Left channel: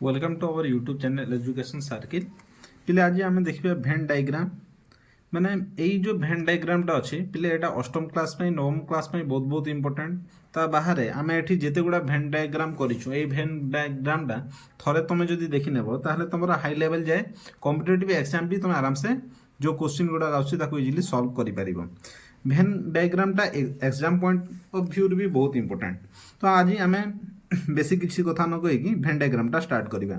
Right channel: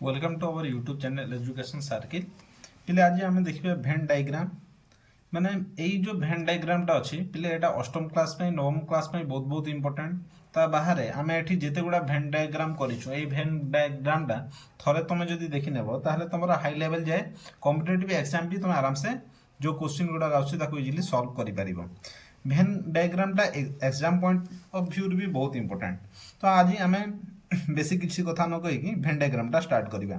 Welcome to our YouTube channel education circle पिले आज आम देखिए भेन डायग्राम माने यही जो भेन डायग्रामटा अच्छी पिले यहाँ अष्टम क्लास नवम क्लास बहुत बहुत इंपोर्टेंट ता बाहर आम ये जिते गुड़ा भेन डायग्राम करूँ ये भेन डायग्रामटा थे तुम जो देखी नेब ताहले तुम हाई लेवल जाए कॉम्पिटिटिव एग्जाम भी तुम आराम से जो क्वेश्चन गुड़ाक आजिली सॉल्व कर भेन डायग्रामटा एग्जाम पॉइंट ऑफ व्यू भी बहुत इंपोर्टेंट तो आज आम बेसी किसी कथा न कहीकि भेन डायग्रामटा स्टार्ट करवा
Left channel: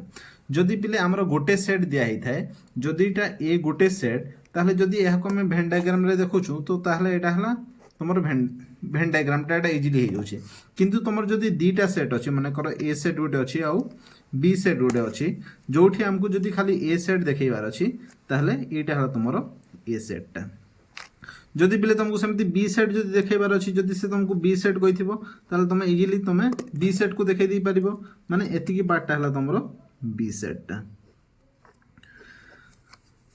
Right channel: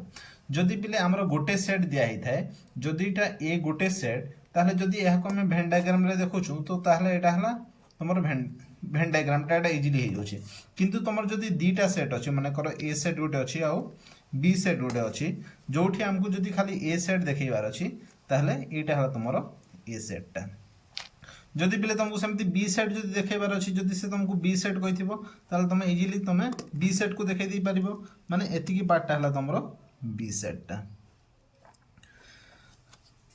जदि पिले आमर गोटे सेट दिखाई थाए जदि ए गोटे सेट ताहले जदि यह आम भेन डायग्राम रे देखुछु तो ताहले एटा हला तुमर भेन डायग्रामटा एटा इजीली हो जाउछि किंतु तुमर जदि दीटा सेट अछि माने कर ए सेट गोटे अछि आउ बी सेट गोटे अछि जोठी हमकु जदि खाली ए सेट देखैबार अछि ताहले एटा हला तुमर ए सेटटा जदि पिले तुमको सेमती बी सेट जदि देखैबार अछि जदि से तुमको बी सेट कहिथिबो ताहले तुम इजीली तुम बी सेट को देखै दै परिबो माने एतिकी पार्टटा हला तुमरो बी सेटटा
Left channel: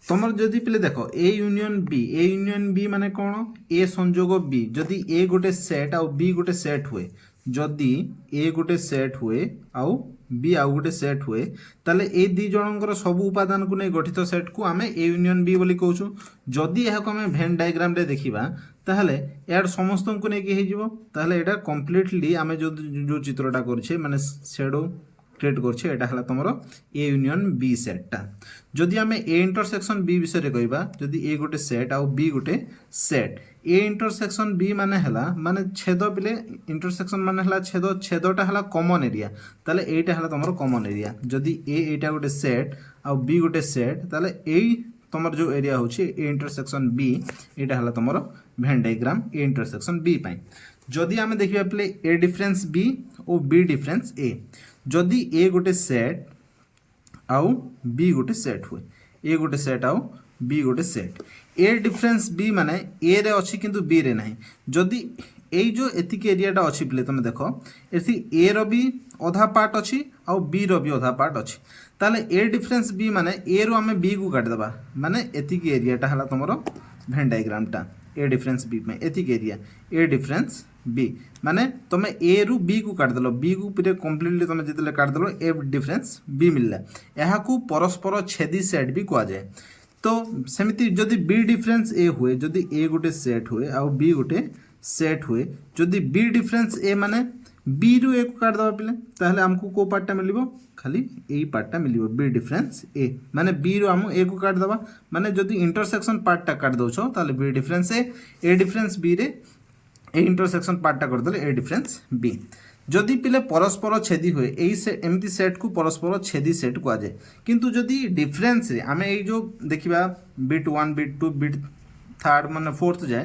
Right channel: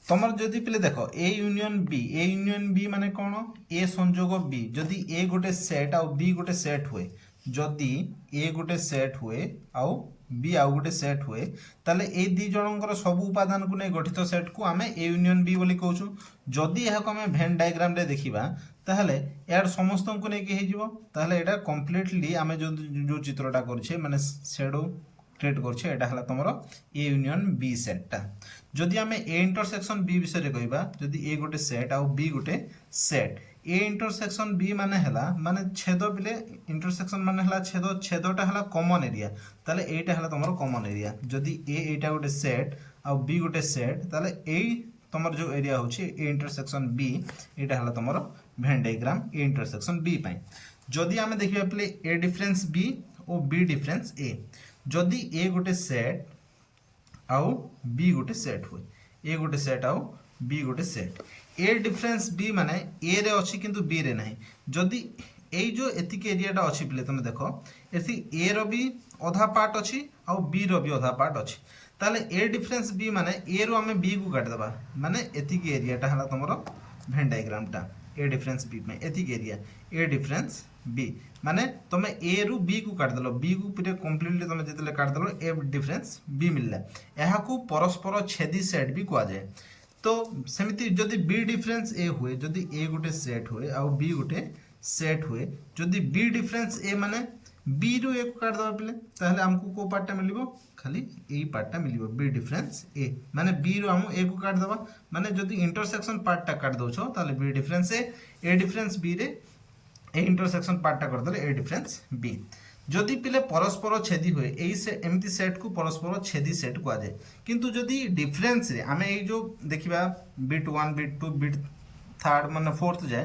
तुमर जदि पिले देखो ए यूनियन बी माने कोन ए संयोग बी जदि ए गोटे सेट आउ बी गोटे सेट हुए जदि ए गोटे सेट हुए आउ बी आउ गोटे सेट हुए ताले ए दी जनकर सब उपादान को नहीं गठित सेट को आमे ए यूनियन बी बोली कहूछु जदि यह को आमे भेन डायग्राम रे देखिबा ताहले यार समस्त को नहीं कि हिजिवो ताहले एटा कंप्लीटली आमे जो चित्रटा करछे माने शैडो क्रिएट करछे एटा हला तमरो ए यूनियन बी सेटटा जदि आमे ए इंटरसेक्शन बी विषय रे कहबा जदि ए गोटे सेट आउ बी गोटे सेट ए इंटरसेक्शन बी माने हला माने छेद पिले इंटरसेक्शन माने हला छेदटा हला कॉमन एरिया ताले एटा हला तमरो कॉमन एरिया जदि ए एटा गोटे सेट आउ बी गोटे सेट ताले एई तमर जो एरिया होछि ए इंटरसेक्शन बी एटा हला तमरो भेन डायग्राम ए इंटरसेक्शन बी पई जदि आमे देखिबा पिले ए डिफरेंस बी और बी डिफरेंस ए जदि ए गोटे सेट आउ बी गोटे सेट हुए ए गोटे सेट आउ बी गोटे सेट ए डिफरेंस बी माने ए रे अछि किंतु बी रे नाही जदि एई जो एतिक एरियाटा अछि पिले तुम देखो एथि ए रो भी आधा पार्ट अछि आउ बी रो भी आधा पार्ट अछि ताले ए डिफरेंस बी माने ए रो हमें बी को काट देबा माने एतिक एरियाटा हला तमरो भेन डायग्रामटा ए डिफरेंस बी में एतिक एरिया ए डिफरेंस बी माने तुम ए रु बी को काट देलो बी को पूरे कंप्लीटली तुम जेतले काट देलो ए डिफरेंस बी मिलला एहा को परस्पर छेदी सेट भी कहा जाए तो सेमिति जदि बी डिफरेंस ए हुए जदि ए गोटे सेट हुए आउ बी गोटे सेट हुए जदि बी डिफरेंस ए माने बी रु ए को काट दबा पिले ताहले हमको को पार्टटा मिलिबो खाली ए पार्टटा मिलिबो बी डिफरेंस ए माने बी रु हम ए को काट दबा माने जदि इंटरसेक्शन पार्टटा काट दोछो ताहले बी डिफरेंस ए डिफरेंस बी रे ए इंटरसेक्शन पार्टटा कर देले ए डिफरेंस बी जदि पिले परस्पर छेदी हुए एई से एमती सेट को परस्पर छेदी सेट को आजे किंतु जदि डिफरेंस रे आमे एई जो देखिबा बिट 1 बिट 2 बिट 3 माने 4th जाए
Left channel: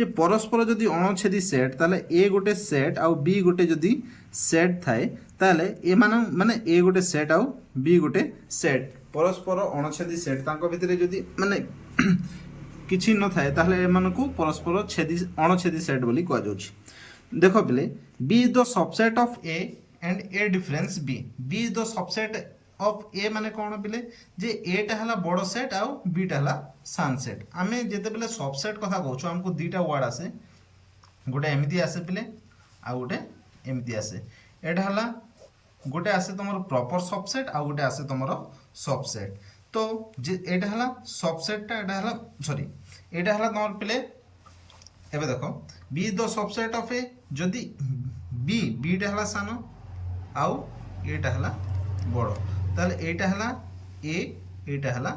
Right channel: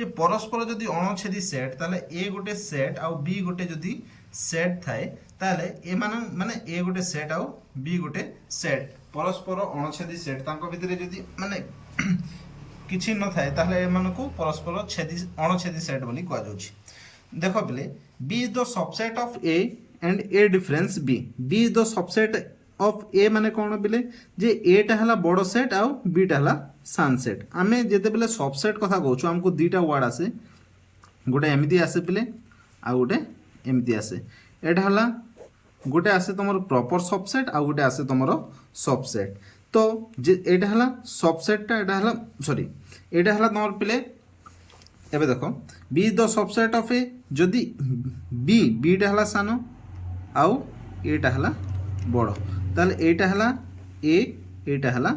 ये परस्पर जदि अणछेदी सेट ताले ए गोटे सेट आउ बी गोटे जदि सेट थाए ताले ए माने ए गोटे सेट आउ बी गोटे सेट परस्पर अणछेदी सेट तांको भितरे जदि माने किछि न थाए ताले ए मानको परस्पर छेदी अणछेदी सेट बोली कहै जाउछि देखो पिले B is the subset of A and A difference B. B is the subset of A माने कौन पिले जे A टा हला बड़ सेट आउ B टा हला सान सेट आमे जेते पिले सबसेट कथा कहउछु हमको दुईटा वर्ड आसे गोटे एमिति आसे पिले आ गोटे एमिति आसे एटा हला गोटे आसे तमरो प्रॉपर सबसेट आ गोटे आसे तमरो सबसेट तो जे एटा हला सबसेटटा एटा हला सॉरी एटा हला तमर पिले एबे देखो be the subset of A जदि बी टा हला सानो आउ ए टा हला बड़ो ताले एटा हला ए एटा हला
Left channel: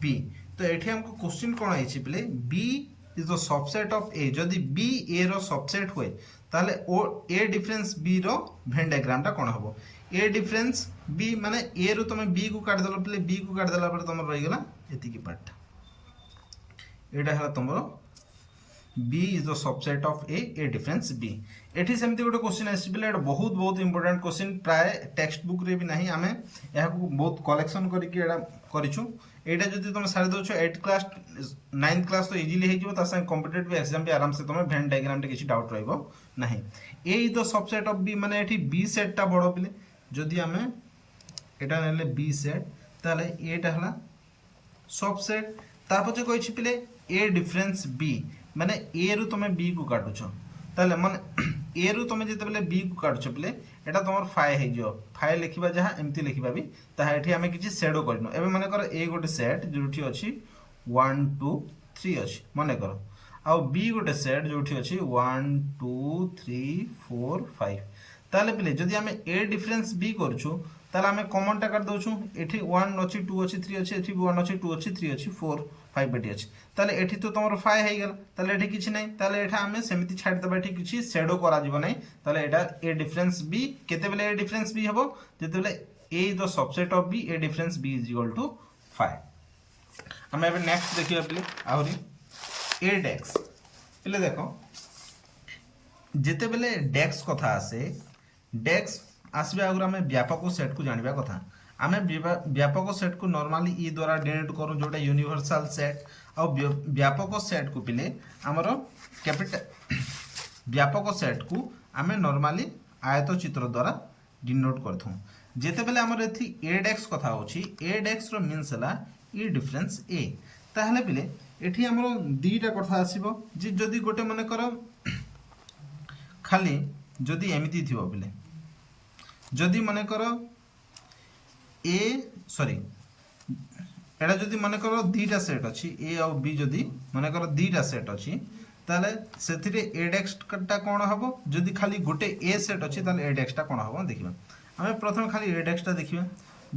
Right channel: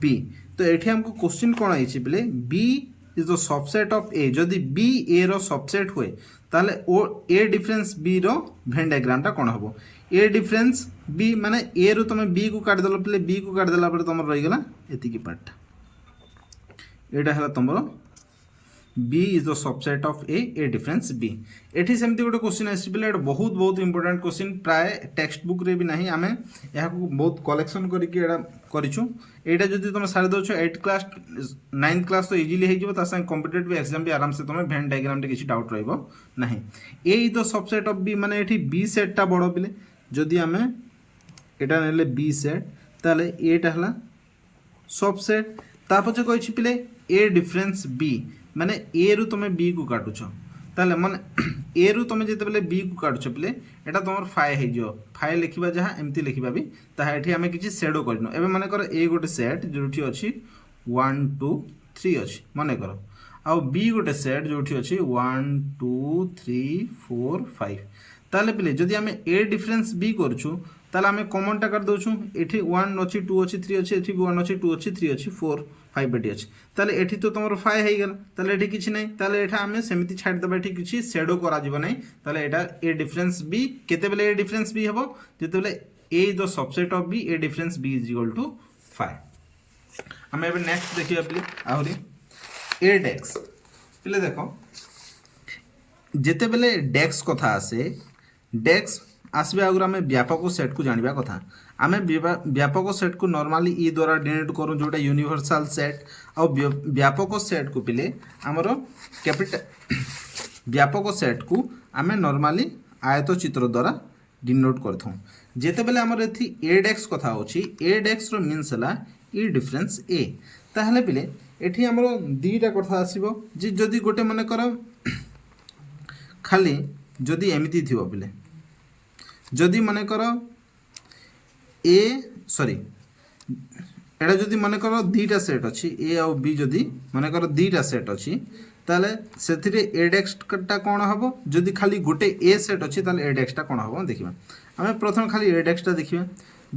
बी तो एठी हमको क्वेश्चन कोन आइछि बिले B is the subset of A जदि बी ए रो सबसेट हुए ताले ओ ए डिफरेंस बी रो भेन डायग्रामटा कोन हबो ए डिफरेंस बी माने ए रो तुम बी को काट देलो पिले बी को काट देला पर तुम रहि गेला एतिकी पार्ट एटा हला तुमरो B is the subset of A difference B एठी सेमती गोटे क्वेश्चन आसी बिले एटा बहुत बहुत इंपोर्टेंट क्वेश्चन प्राय टेक्स्ट बुक रे भी नाही आमे एहा को बहुत कलेक्शन करी के एटा करिछु एटा जदि तुम सारि दोछो 8 क्लास 9th क्लास तो इजीली हे जिवो ता संग कॉम्पिटिटिव एग्जाम भी आराम से तुम भेन डायग्राम रे किछि डाउट रहइबो नाही A is the subset of B माने एठी B सेट टा बडो बिले जदि आमे एटा नेले B सेट ताले A टा हला सबसेट ता पछे कहिछि पिले A डिफरेंस B माने ए रु तुम बी को काटुछ ताले माने ए रु तुम जिते बी को काटछ पिले एटा तुम फाइ हो फाइ लिखा जहाँ एमती लिखा भी ताहा एठी आमे किछि सेडो करनो एबे माने कर ए गोटे सेट जोठी अछि 1 2 3 अछि माने कर आ बी गोटे सेट जोठी अछि 1 2 3 4 5 ताले पिले जदि आमे ए डिफरेंस बी करछु ताले आमे कॉमन टा कर दोछु एठी 1 अछि 2 अछि 3 अछि एठी 1 अछि 2 अछि 3 अछि 4 5 एटी अछि ताले एठी तो तमरो 5 हे गेल ताले एठी किछि नै ताले एठा आमे सेमिति छाड देबा एठी किछि शेडो करा जिवो नै ताले एटा ए डिफरेंस बी केते बेले ए डिफरेंस बी हबो जेते बेले A is the subset of B A difference B is equal to 5 आमे एबे नेक्स्ट देखियो पिले आहुरी ए डेक्स पिले देखो जेते बेले डेक्स कथा आसे डेक्स आसबे आगुर आमे व्यापक सेट को जानिबा कथा आमे व्यापक सेट को नॉर्मली ई द्वारा डिनोट करू जोटा यूनिवर्सल सेट आ व्यापक सेट को पिले हमरो कैपिटल व्यापक सेट को आमे नॉर्मली आयत चित्र द्वारा डिनोट करथौ जेते बेले हमर एथि ए डेक्स कथा होची ए डेक्स रो मीन्स हला ई डिफरेंस ए ताहले पिले एठी हमरो दीटा कथा आसीबो जे जदी गोटे माने करो खाली जदी एमिति थिबो पिले जदी माने करो ए सॉरी एटा जदी माने करो दीटा सेट अछि ए और बी जदी माने करो दीटा सेट अछि ताले सेथिरे ए डेक्स टा कोन हबो जदी खाली गोटे ए सेट अछि ताले ए डेक्स टा कोन हबो देखिबा हमें प्रथम खाली ए डेक्स टा देखिबा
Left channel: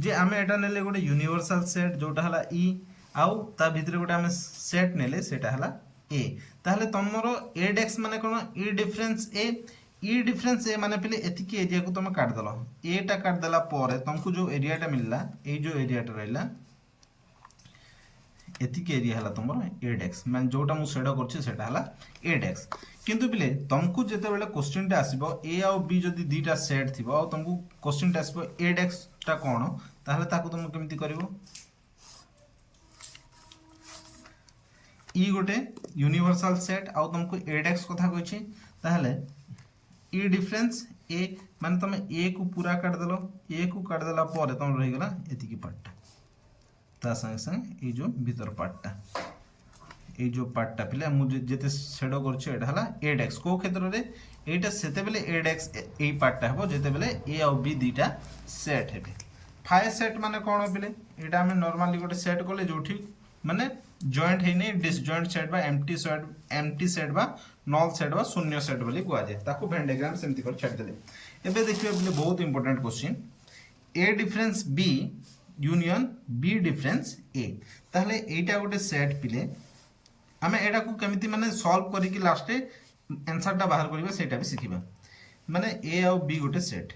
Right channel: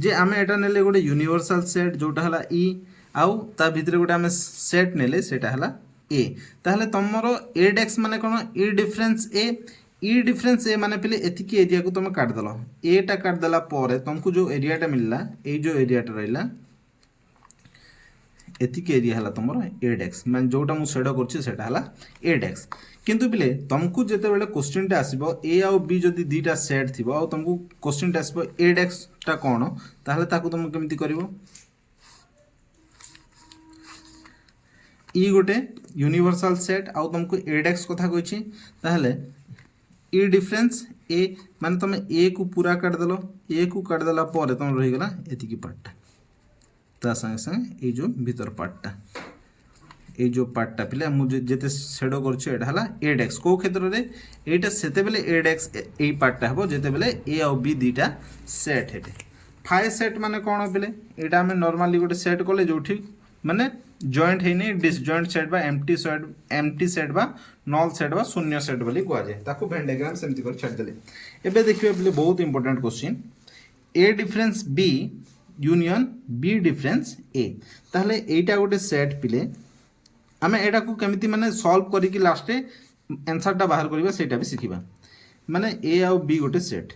जे हमें एटा नेले गोटे यूनिवर्सल सेट जोटा हला ई आउ ता भितरे गोटे हमें सेट नेले सेटा हला ए ताले तमरो ए डेक्स माने कोन ए डिफरेंस ए माने पहले एतिकी एरिया को तुम काट दलो ए टा काट दला परे तुमको जो एरिया टा मिलला ए जो एरिया टा रहला एतिकी एरिया हला तुमरो ए डेक्स माने जोटा मु सेडो करछि सेटा हला ए डेक्स किंतु बिले तुमको जेते बेले क्वेश्चन टा आसीबो ए आ बी जदी दीटा सेट थिबो आ तुमको क्वेश्चन टा आसीबो ए डेक्स टा कोन ताहले ताको तुम केमिति करिवो ई गोटे यूनिवर्सल सेट आ तुमको ए डेक्स कथा कहछि ताहले ई डिफरेंस ए माने तुम ए को पूरा काट दलो ए को काट दला परे तुम रहि गेला एतिकी पार्टटा ता संगे संगे ए जो भीतर पार्टटा ए जो पार्टटा पिले मु जेते सेडो करछि एटा हला ए डेक्स को क्षेत्र रे एटा सेते बेले ए डेक्स ए पार्टटा हबो जेते बेले ए और बी दीटा सेट हेबे फाइ सेट माने कोन पिले एटा हमें नॉर्मली गोटे सेट कोले जोठी माने जॉइंट हेने डिसजॉइंट सेट बा एम्प्टी सेट बा नल सेट बा शून्य सेट बोली कुआ जाय ताको वेन डायग्राम सेमति कर छाड़ देले एबे देखियो बोले बहुत important question A difference B union B difference A ताहले एटा गोटे सेट पिले हमें एटा को केमिति माने सॉल्व करी कि लास्ट आंसर टा बाहर करबा सेटा भी सिखिबा माने ए और बी गोटे सेट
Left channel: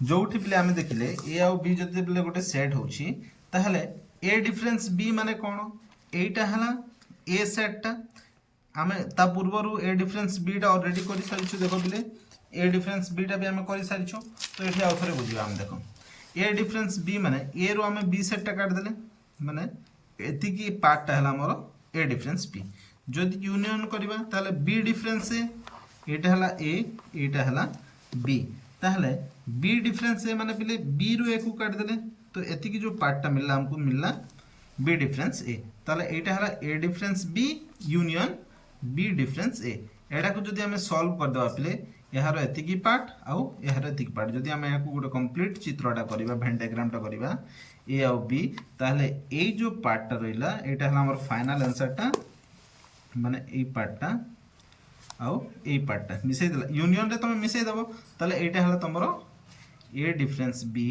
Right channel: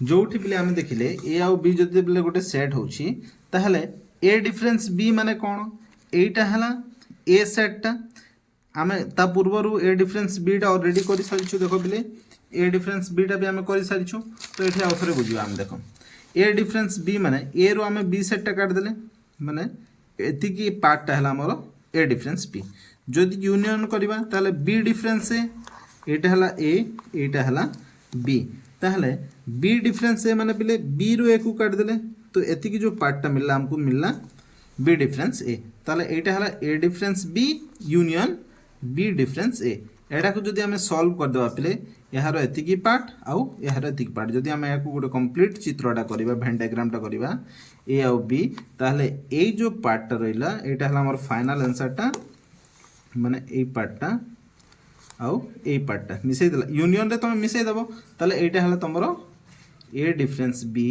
जोठी पिले हमें देखिले ए और बी जति पिले गोटे सेट होची ताहले ए डिफरेंस बी माने कोन एटा हला ए सेट टा आमे ता पूर्वरु ए डिफरेंस बी टा ऑलरेडी करि सारिछु देखो बिले ए डिफरेंस बी टा भी आमे करि सारिछु तो एठी आउथरे बुझिबा हम देखो ए डिफरेंस बी माने ए रो आमे बी सेट टा काट देले माने एति की पार्ट टा हला हमरो ए डिफरेंस बी जदि यूनियन करबा ताले बी डिफरेंस ए एटा हला ए एटा हला बी ताहले बी डिफरेंस ए माने बिले बी रो ए को काट देले तो एति की जो पार्ट टा मिलला हमको मिलला बी डिफरेंस ए ताले एटा हला A difference B union B difference A एटा को जदि हमें सॉल्व कर देबा पिले यार एतिकी पार्ट आउ यार एतिकी पार्ट जदि हमें याको गोटे कंप्लीट चित्रटा करबा वेन डायग्राम टा करबा ए आउ बी ताहले ए जो पार्ट टा रहिला एटा हला हमर फाइनल आंसर टा माने ए पार्ट टा आउ ए पार्ट टा मिसै देला यूनियन रे तुम मिसै देबो ताहले एटा हला तमरो A difference B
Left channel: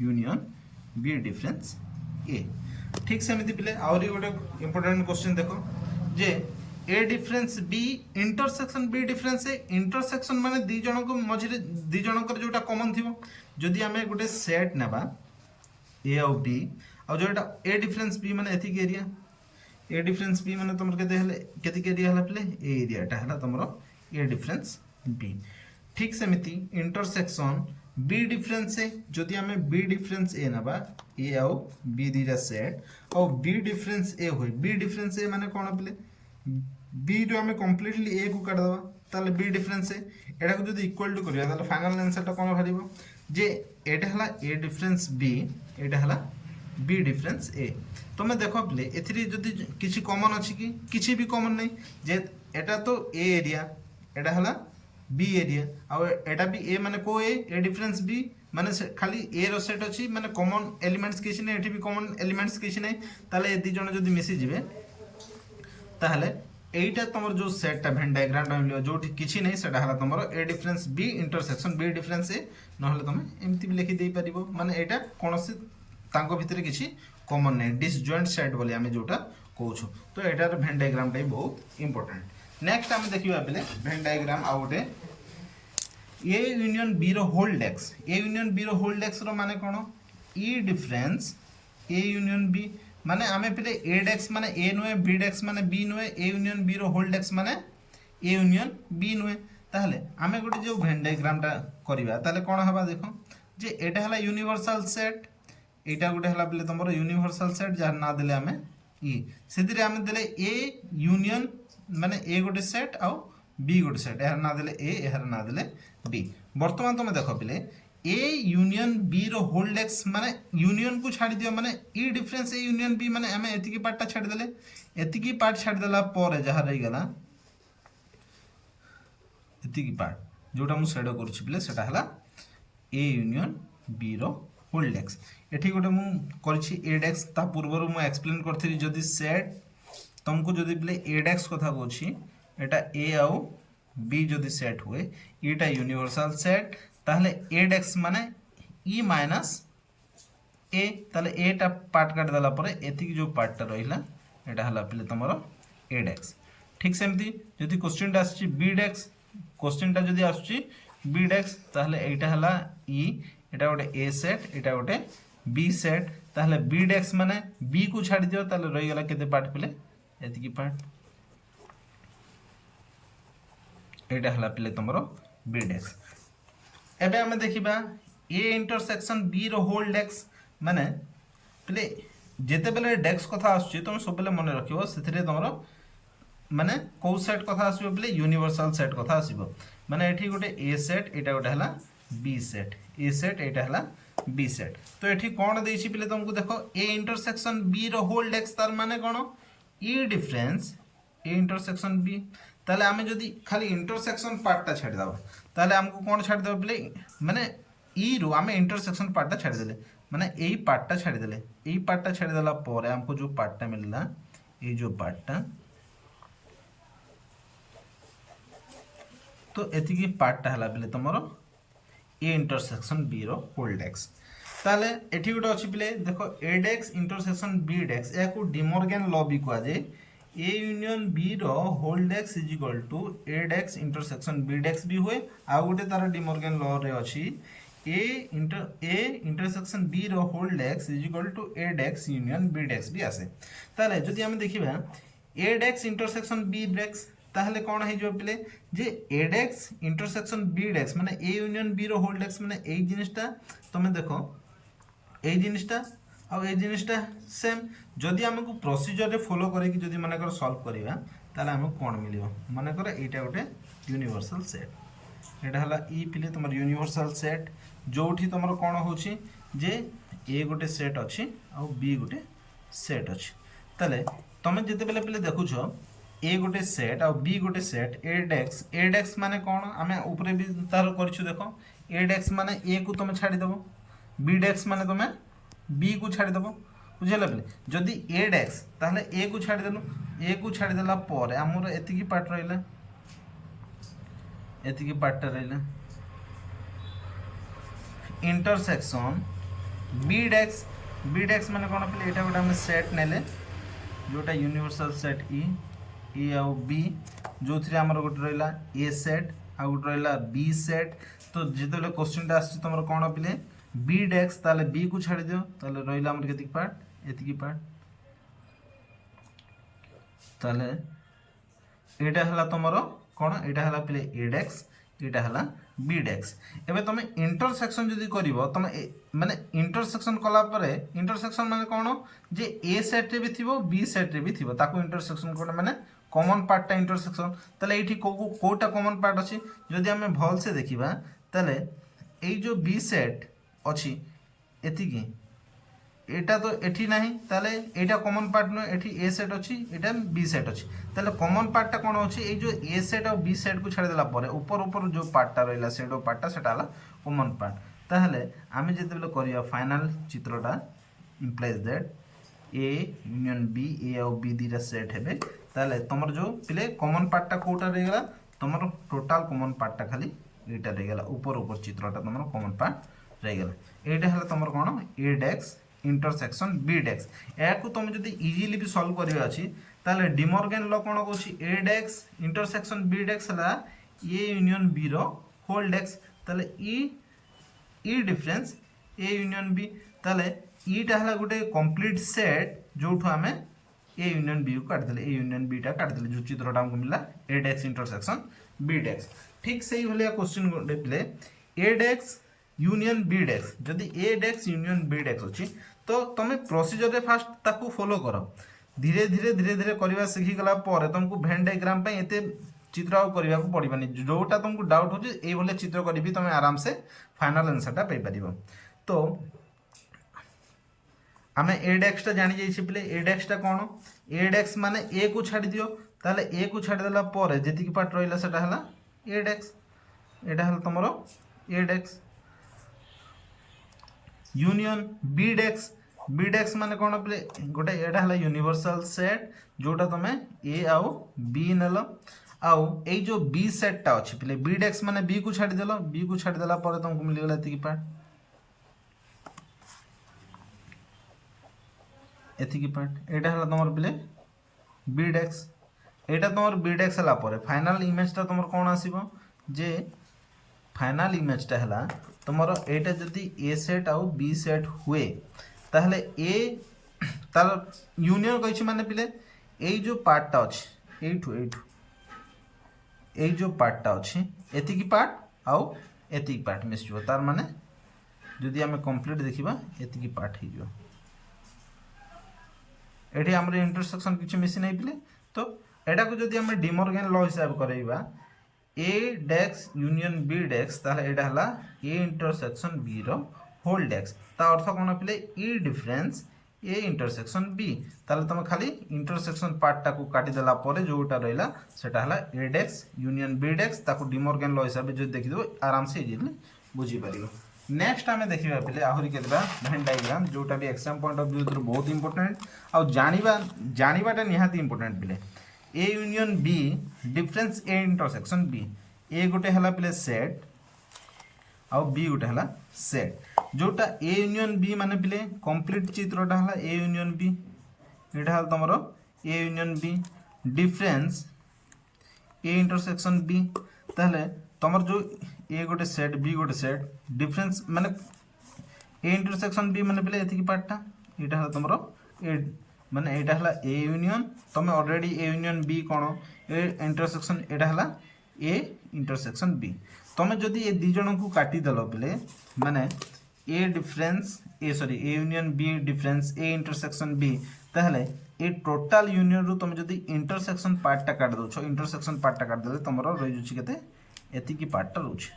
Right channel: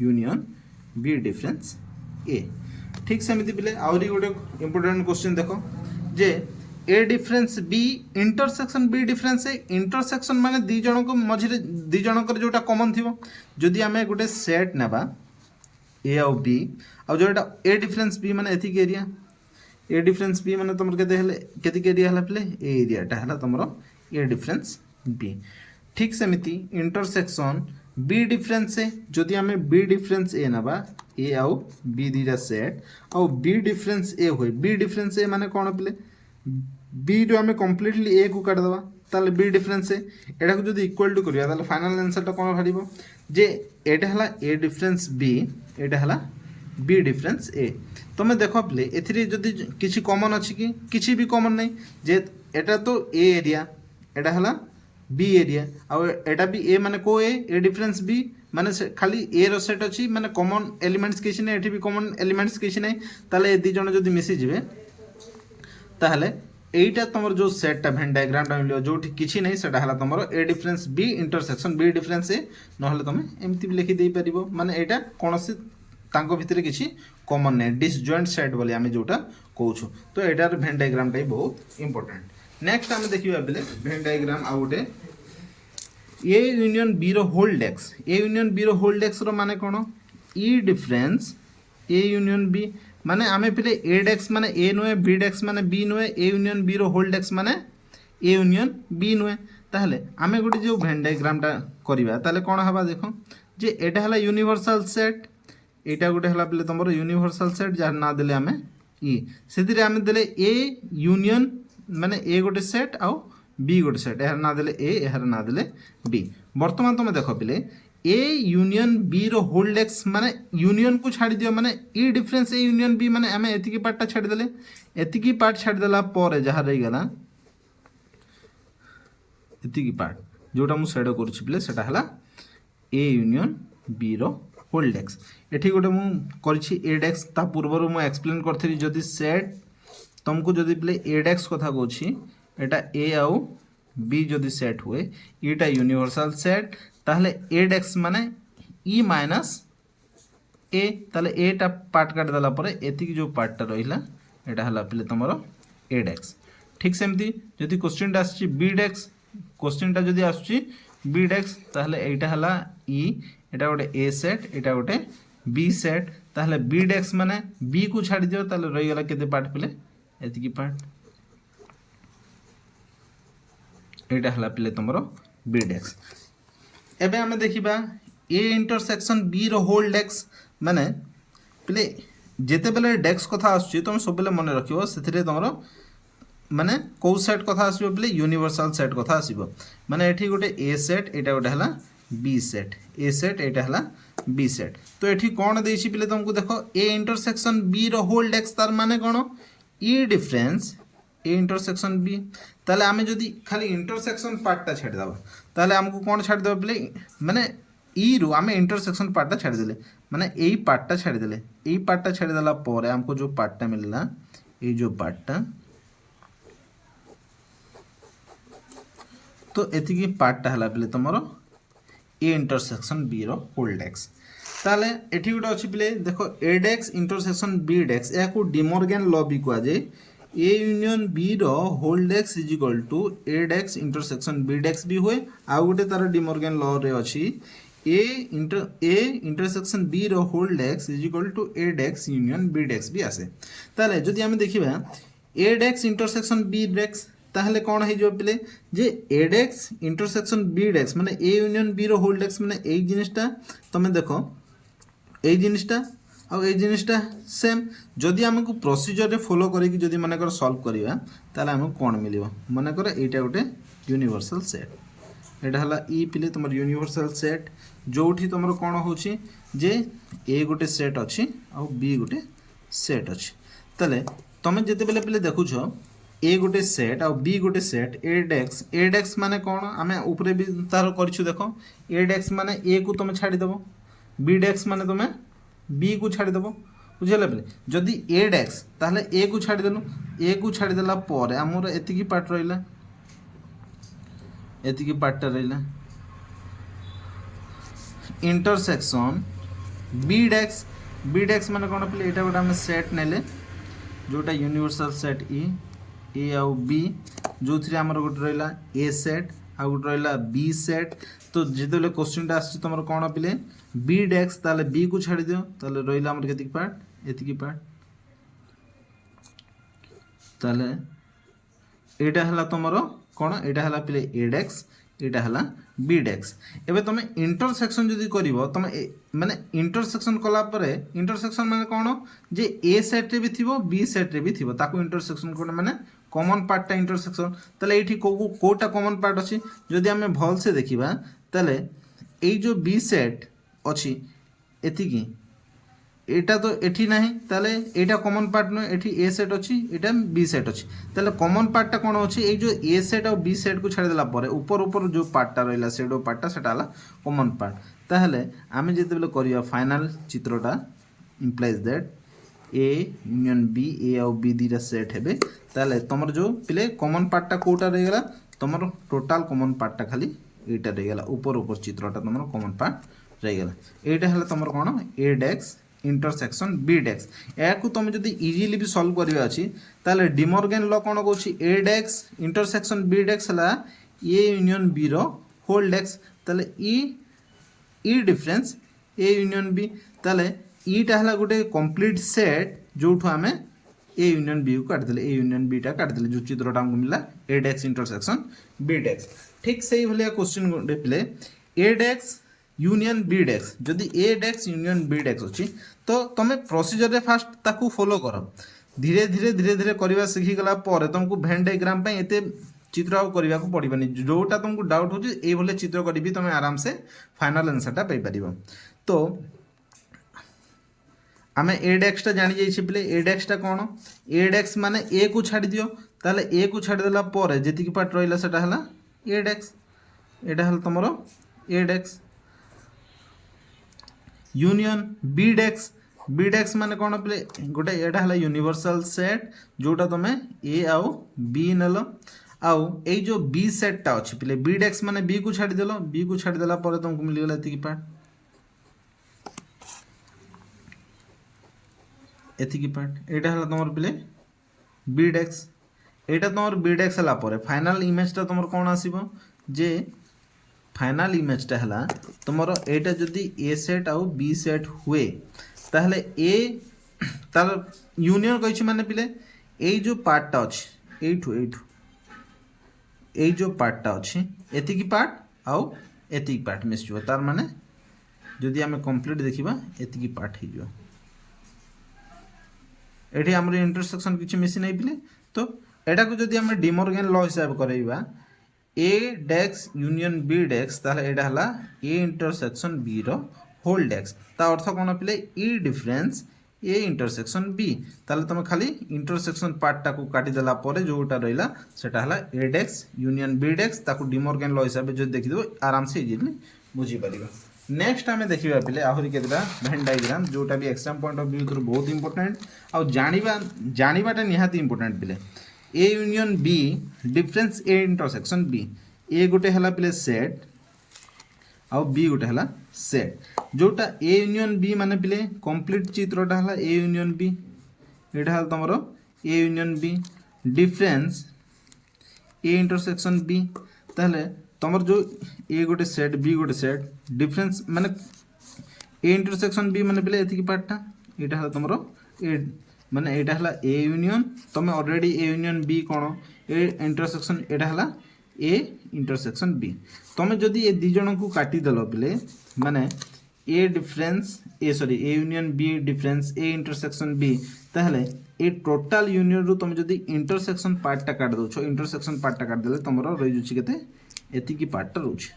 union B difference A ठीक सेमिति पिले आउरी गोटे इंपोर्टेंट क्वेश्चन देखो जे A difference B intersection B difference A intersection माने दी जण को मझिरे दी जणकर जोटा कॉमन थिबो जदि हमें गोटे सेट नेबा ए और बी और जोटा ए डिफरेंस बी माने एथि एरिया ए डिफरेंस बी माने तमर केते हले केति एरिया हला प्ले ए एरिया टा हला तमरो ए डिफरेंस बी ठीक सेमिति इंटरसेक्शन बी डिफरेंस ए जदि हमें बी डिफरेंस ए नेबा ए और बी दीटा सेट और बी डिफरेंस ए होय बी डिफरेंस ए माने कोन प्ले बी रो हमें कंप्लीटली ए को काट दबा ताले बी डिफरेंस ए एटा को जदी इक्वल टू करिया ताले फाइनल आंसर टा कोन भारिबो जे एटा हला ए डिफरेंस बी एटा हला बी डिफरेंस ए तमे देखो प्ले एथिरे जदी किछि कॉमन अछि कि किछि भी कॉमन नै जे এটা তো এ এরিয়া, এটা হলা বি এরিয়া, ଆଉ এটা বি এ মানে কো এ ডিফরেন্স বি মানে খালি এ র সেট ଅଛି মানে কমন এলিমেন্টস কিছু নাই, এଠି ବି কমন এলিমেন্টস কিছু নাই, তাহলে এই দুই জন যদি মিশিଯିବେ তাহলে এইটা তোমার যে সেটটা ভেন ডায়াগ্রামটা মিলিବ ଯୋଉଠି କିଛି ନାହିଁ সেটা হলা তোমার A difference B intersection B difference A, নহলে তুমি এমতি ବି লেখি দেই পারিবো মানে এইটা কোনসি ତାଙ୍କ ଭିତରେ କିଛି କମନ ନାହିଁ ଡିସଜଏଣ୍ଟ ସେଟ୍ ବୋଲି ଆମେ ଯୋଉଟା କହୁଛୁ। ତ ଏଟାର ଭେନ୍ ଡାଇଗ୍ରାମଟା ବି ବହୁତ ଇମ୍ପୋର୍ଟାଣ୍ଟ। ନେକ୍ସଟ ଆମେ ଦେଖିବା ବେଲେ ଭେନ୍ ଡାଇଗ୍ରାମ ଆଉ ଗୋଟେ A union B row hold dash, A union B row hold dash रो माने कोन ई डिफरेंस ए यूनियन बी माने आमे पिले ए डेक्स माने ए नुए बी डेक्स माने बी नुए A union B row hold x माने ए यूनियन बी नुए, ताहले आमे गोटे जो भेन डायग्राम टा करबा ताहले कोन हबा देखो जे एटा हला यूनिवर्सल सेट, एटा गोटे हला पिले तमरो यूनिवर्सल सेट जार ना देले आमे ई सेदिरे आमे देले ए यूनियन माने ए गोटे सेट आउ बी गोटे सेट, एहर ना देले ए एहर ना देले बी। बर्तमान तुम देख पिले A union B row hold x माने यूनियन को छाड़ी दियो माने ई डिफरेंस ए यूनियन बी माने आमे एतिकी पार्ट टा छाड़ी देले, एतिकी पार्ट छाड़ी देला परे जहा रही गला एतिकी पार्ट जोटा मु सेड करछि पिले सेटा हला A union B row hold X. एठी गोटे मु करछि ए डेक्स ता पूर्व मु एक्सप्लेन करथि जदी सेट तुमको जदी पिले ए डेक्स कथा कहछि एटा ए आउ बी जदि सेट हुए इटा यूनिवर्सल सेट ताहले ए डेक्स माने ई माइनस ए, ताहले ए टा पार्ट काट देला परे एतिकी जो पार्ट टा रहिला एटा हला पिले तमरो ए डेक्स। ठीक सेमती जदि क्वेश्चन टा आछि बी डेक्स, क्वेश्चन टा जदि आछि बी डेक्स ताहले एटा हला ई, एटा गोटे ए सेट एटा गोटे बी सेट, ताहले बी डेक्स माने बी को छाडी दियो ताहले रहि गला केते पार्ट पिले एतिकी पार्ट, एटा हला पिले तमरो बी डेक्स। एबे हमें देखिबा A intersection B row hold x माने पिले जेते बेले डेक्स कथा आछी तुम सब बेले मन रखियो सेथिरे तमरो माने को सेट कथा आसीबो पिले यूनिवर्सल सेट कथा आसीबो, माने एठी गोटे ए सेट एटा गोटे हला बी सेट, ए सेट एटा हला बी सेट। तो एठी कोन देछि पिले तुमको देखो A intersection B row hold X तार माने कोन ई डिफरेंस ए इंटरसेक्शन बी, ताले आमे जदि खाली इंटरसेक्शन पार्ट टा छाड़ दबा ताले हमको कोन छाड़ दबा बोले माने ई रो आमे इंटरसेक्शन पार्ट टा छाड़ देले माने एई पार्ट टा छाड़ देले, एई पार्ट टा छाड़ देला परे हमको जो पार्ट टा मिलला ए जो पार्ट टा तो एतिकी पार्ट टा हला बिले तमरो A intersection B row hold dash. ताले एठी गुटा अछि बिले देखो A dash intersection B dash याकू डिमॉर्गन लॉ भी कुआ जे A union B row hold dash is equal to A dash intersection B dash भी हुए, आ गोटे तार डिमॉर्गन लॉ रे अछि A intersection B row hold dash is equal to A dash union B dash भी आसे। ताले जदि हम देखिबा ए डेक्स इंटरसेक्शन बी डेक्स ताहले कोन हे जो पिले जे ए डेक्स इंटरसेक्शन बी डेक्स माने A union B row hold x माने एई जिनिसटा तमे देखो एई जिनिसटा आ ए जिनिसटा सेम जदि हमको प्रोसीजर रे फॉलो करी कि जदि माने कर सॉल्व करिया ताले हमको कोन मिलिबो माने कर एटा गोटे यूनिवर्सल सेट, एटा हला ई पिले तमर यूनिवर्सल सेट जोठी तमर कोन होची जे ए गोटे सेट अछि आ बी गोटे सेट अछि। ताले तमे जते बेले पिले देखुछो ए गोटे सेट आ बी गोटे सेट ए डेक्स माने कोन आमे ऊपरे भी तार करछु देखो ए डेक्स माने ए को तमे छाडी देबो, बी डेक्स माने तमे बी को छाड़ी देबो बुझले पे जदि ए डेक्स ताहले ए को छाड़ी देलु, ए को छाड़ी देला परे हमर एतिकी पार्ट रहिला एतिकी पार्ट रहिला इंटरसेक्शन बी डेक्स माने कोन पे एटा गोटा हम सेट नेले जोटा यूनिवर्सल सेट ए आउ बी जो थ्री हमर गोट रहिला ए सेट आ गोट रहिला बी सेट। तो जेतेले क्वेश्चन टा आछि तमर कोन पिले बी डेक्स ताले बी को छाड़ी दियो ताले रहिला हमर केतिक पार्ट एतिकी पार्ट, ताले एटा हला तमरो कोन एटा हला पिले ए डेक्स एटा हला बी डेक्स। एबे तमे इंटरसेक्शन जदी करिवो तमे माने इंटरसेक्शन कला परे इंटरसेक्शन माने कोन जे ए सेट रे भी थिबो बी सेट रे भी थिबो ताको इंटरसेक्शन कोन माने कॉमन पार्ट टा इंटरसेक्शन। ताले एठी कोटा कॉमन पार्ट अछि जदी हमें भल से देखिबा ताले ए जो बी सेट अछि एतिकी এটা তো এটি ନାହିଁ তাহলে এইটা কমন পার্ট নয় এটি এ সেট ଅଛି এটা বি সেট ଅଛି তাহলে কমন পার্টটা কোন ଅଛି এই যে এ সেট আর বি সেট কু ছাড়ি দেলা পরে উপর উপর যে পার্টটা রইলা সেডো পার্টটা সেটা হলা কমন পার্ট তাহলে আমি যেতেবেলে করিয়া ফাইনাল চিত্রটা implies that A union B A আর বি দুইটা সেট হেবে তাহলে তোমার যে পিলে কমন পার্টটা কোটা রই গলা তোমার টোটাল কমন পার্টটা খালি এইটা রই গলা উপর উপর চিত্রটা তোমার কমন পার্ট রই গলা এইটা হলা তোমার কোন এ ডেক্স इंटरसेक्शन बी डेक्स या तुम जो इजिली भी सॉल्व करिया अछि ताले डिमॉर्गन लॉ कोन कहूची A dash intersection B dash हला ए यूनियन बी रो होल डेक्स ताले ई डिफरेंस ए यूनियन बी ताले ईटा हला गोटे कंप्लीट सेट जोठो हमें ए यूनियन बी को काट देले ए यूनियन बी टा काट देले जो चित्रटा हमको मिला ए डेक्स इंटरसेक्शन बी डेक्स ठीक सही भलिया क्वेश्चन गोटे प्ले A dash union B dash जदि ए डेक्स यूनियन बी डेक्स अच्छी तो तुम प्रोसीजर रे फास्ट ताकू फॉलो कर धीरे धीरे करवा सीखी गला पर तुमको वेन डायग्राम पे एते चित्र करने को पड़ानी जोटा तुमको डाउट हो ये चित्र करी तुम आराम से फाइनल आंसरटा पाई पार तो आम ए डेक्सटा जानी जाइए पे ए डेक्सटा कौन ए डेक्स माने ए को छाड़ दियो ताले ए को छाड़देला जी पार्ट रहा से ए डेक्स एटा हल तुम ए डेक्स यूनियन बी डेक्स माने कौन पे गोटे एटा हला यूनिवर्सल सेट जोटा तुम ए आउ बी नेल आउ ए जो बी सेटटा अच्छी पे बी डेक्स माने बी को छाड़देल बी को छाड़देला तुमको मिलगला एतिकी पार्ट एटा हला तुम पे बी डेक्स एटा तुम बी डेक्स हला फाइनल इमेजटा तुम कौन आसीबो जे फाइनल इमेजटा है तुमर एटा जदि ए सेट आउ बी सेट हुए ताहले ए तार यूनियन कहि माने पिले ए जो पार्टटा अछि एठू एठू ए जो पार्टटा अछि एतिकी पार्ट आउ एतिकी पार्ट मिसजो तार माने जदि आमे कंप्लीट देखिबा एतिकी पार्ट हि जो एठी हमर इंटरसेक्शन किछि मिसि नै पिले तो एटा को जदि आमे डिमॉर्गन लॉ हिसाब करैबा ए डेक्स यूनियन बी डेक्स ताहले एटा हला ए इंटरसेक्शन बी रो होल डेक्स ता अर्थ कोन पिले ई डिफरेंस ए इंटरसेक्शन बी ताहले तुम खाली इंटरसेक्शन पार्टटा को काटी देला परे जोटा रहिला सेटा हला ए डेक्स यूनियन बी डेक्स ताको डिमॉर्गन लॉ हिसाब जो देखि दो आराम से इजीली बुझी परिबो नेक्स्ट आमे देखिबा पिले आहुरी केतबा वेन डायग्राम जोटा भी exam point of view through बहुत इंपोर्टेंट आ जानिबाटा निहाती इंपोर्टेंट पिले A union B difference A intersection B ए गोटे हला पिले सेट आउ बी गोटे हला सेट जोटा ए यूनियन बी माने पिले कंप्लीट चित्रटा हला ए यूनियन बी एटा हल तमरो A union B difference A intersection B ताहले तमर जो ए गोटे सेट बी गोटे सेट डिफरेंस माने ए इंटरसेक्शन बी माने पिले एतिकी पार्टटा एटा हला तमरो ए माने एटा हला ए यूनियन तुम ऑलरेडी ए यूनियन बी कौन ए इंटरसेक्शन एटा हला ए इंटरसेक्शन बी तुम जदि ए दी जन को काटी देल पिले माने A difference A sorry A union B difference A intersection B ताहले ए टोटल यूनियन रु तुम जदि इंटरसेक्शन पार्टटा काट दोछो इंटरसेक्शन पार्टटा काट देले तमरो रहि जुछि केते एतिकी पार्टटा रहउछि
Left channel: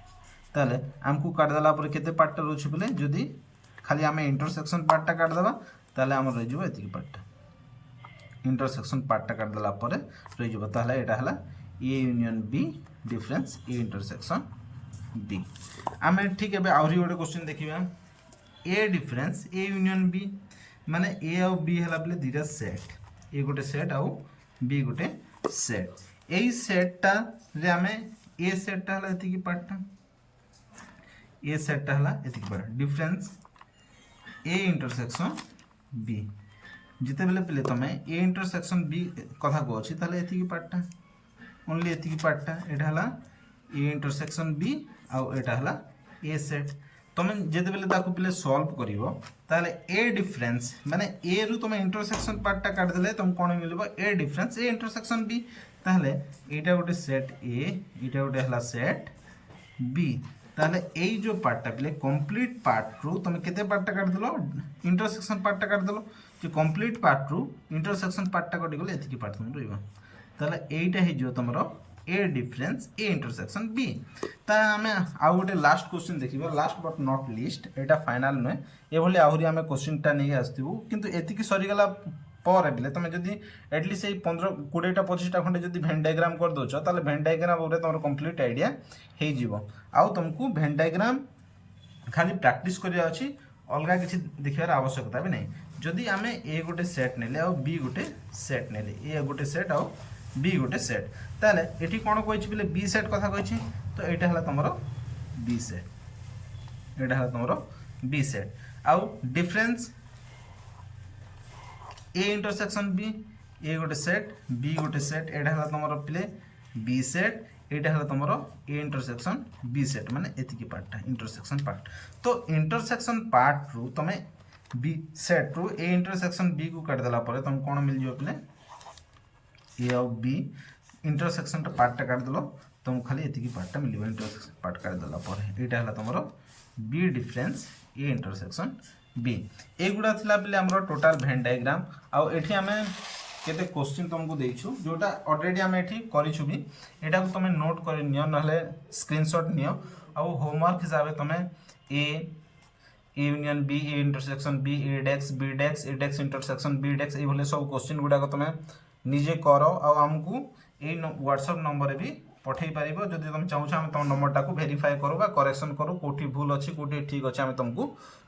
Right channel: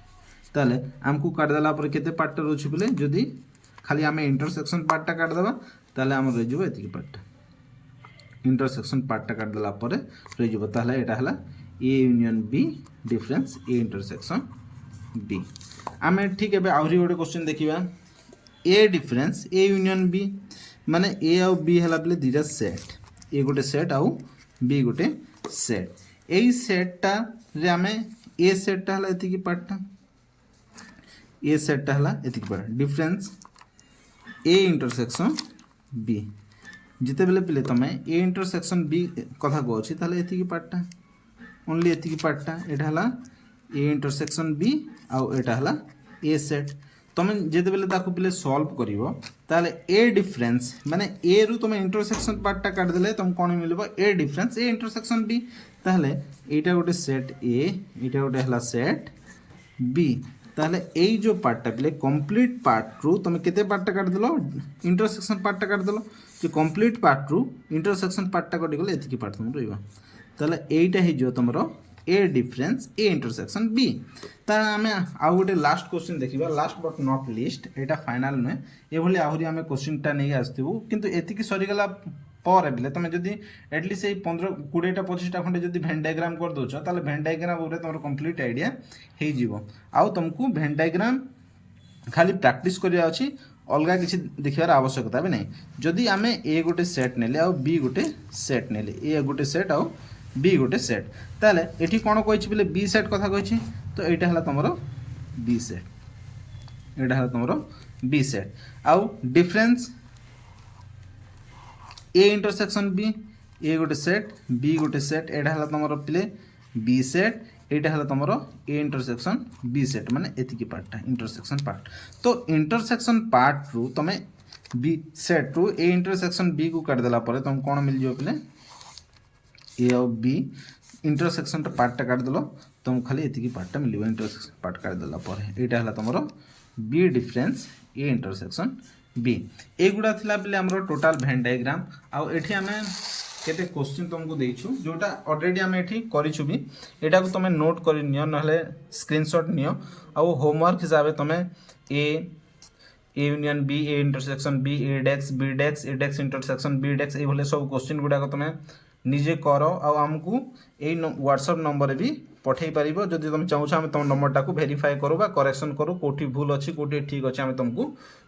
ताहले हमकु काट देला पर केते पार्टटा रहउछि पिले जदि खाली हमें इंटरसेक्शन पार्टटा काट देबा ताहले हमर रहि जबो एतिकी पार्टटा इंटरसेक्शन पार्टटा काट देला परे रहि जबो ताहले एटा हला A union B difference A intersection B आमे ठीक है आउरी गोटे क्वेश्चन देखिबा A difference A union B माने ए आउ बी हला पले दिरा सेट ए गोटे सेट आउ बी गोटे सेट एई सेटटा रे आमे ए सेटटा हला एतिकी पार्टटा ए सेटटा हला एतिकी part difference A intersection B जिते बेले पिले तमे ए इंटरसेक्शन बी कथा को अछि ताले एतिकी पार्टटा ओनली एतिकी पार्टटा एटा हला ए इंटरसेक्शन बी आउ एटा हला ए सेट तमे जेते बेले ताको पिले सॉल्व करिवो ताले ए डिफरेंस माने ए रु तमे इंटरसेक्शन पार्टटा काट देले तम कोन मिलबो ए डिफरेंस ए इंटरसेक्शन बी ताले एटा गोटे सेट ए एटा गोटे हला सेट बी ताले ए जो पार्टटा पिले कंप्लीट पार्ट रु तमे केते पार्टटा काट देलो इंटरसेक्शन पार्टटा काट देलो कि कंप्लीट पार्ट रु इंटरसेक्शन पार्टटा कटि गले एतिकी पार्ट तुम रहइबो ताले एटा हि जो तमरो A difference A intersection B. ता आम आउ गोटे लास्ट क्वेश्चन देखा, last but not list, Etah final नुहे, ये आहरी आम क्वेश्चनटा नहीं आसू किंतु एतिकी सरीगला पर भी तुम जदि एटलिस्ट 15-20टा 25टा खंडे जब भेन डायग्राम कर दौच ताले भेन डायग्राम तुम कंप्लीट आइडिया हो आउ तुमको भेन डायग्राम खाली प्रैक्टिस करिया अछि, अलगा किसी देखार आवश्यकता भी नहीं। जदि आम ए गोटे सेट नेले आउ बी गोटे सेट नेले, ए गोटे सेट आउ बी गोटे सेट, ताले एठी कोन कहिछि बोले बी सेट कथा कहिछि, तो एटा हला तमरो बी सेट, एटा हला तमरो बी सेट आउ डिफरेंस ए इंटरसेक्शन बी, ए गोटे सेट बी गोटे सेट, एटा हला तमरो प्ले बी सेट, एटा हला तमरो ए इंटरसेक्शन बी सेट, माने एतिकी पार्टटा इंटरसेक्शन पार्ट। तो इंटरसेक्शन पार्ट रु तमे बी सेट रु ए इंटरसेक्शन बी को काट देला परे तुम कोन मिल जो प्ले ए और बी इंटरसेक्शन पार्टटा काट देलो तुम खाली एतिकी पार्टटा मिलियो, इंटरसेक्शन पार्ट काट देला परे एटा हला तमरो B difference A intersection B. एगुड़ा थिला बेले हमरो टोटल भेन डायग्राम आउ एठी हमें केते क्वेश्चन तुमको देइछु जोटा ऑलरेडी हमें एठी करिछु भी, एटा को तुम नोट कर नियो नहले स्क्रीनशॉट नियो आउ होमवर्क हिसाब तुम A union B, A intersection B, A dash B dash, A dash intersection B dash, ये भले सब क्वेश्चन गुडा को तुम निजे कर आउ हमको ए व्हाट्सएप नंबर भी पठे पारिबो। जदि तुम चाहू हम तुम नंबरटा को वेरीफाई करू बा करेक्शन करू कोठी भूल अच्छी कोठी ठीक अच्छे आम तुमको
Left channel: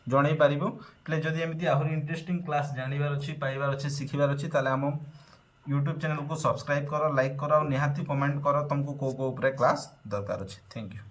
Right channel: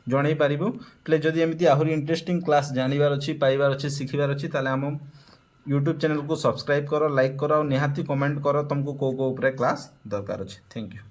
जणै पारिबो। प्ले जदि एमती आहरी इंटरेस्टिंग क्लास जानिबार अच्छी पाइबार अच्छी शिखिबार अच्छी ताले हम यूट्यूब चैनल को सब्सक्राइब करो, लाइक करो, निहाती कमेंट करो तुमको को ऊपर क्लास दरकार अच्छे। Thank you.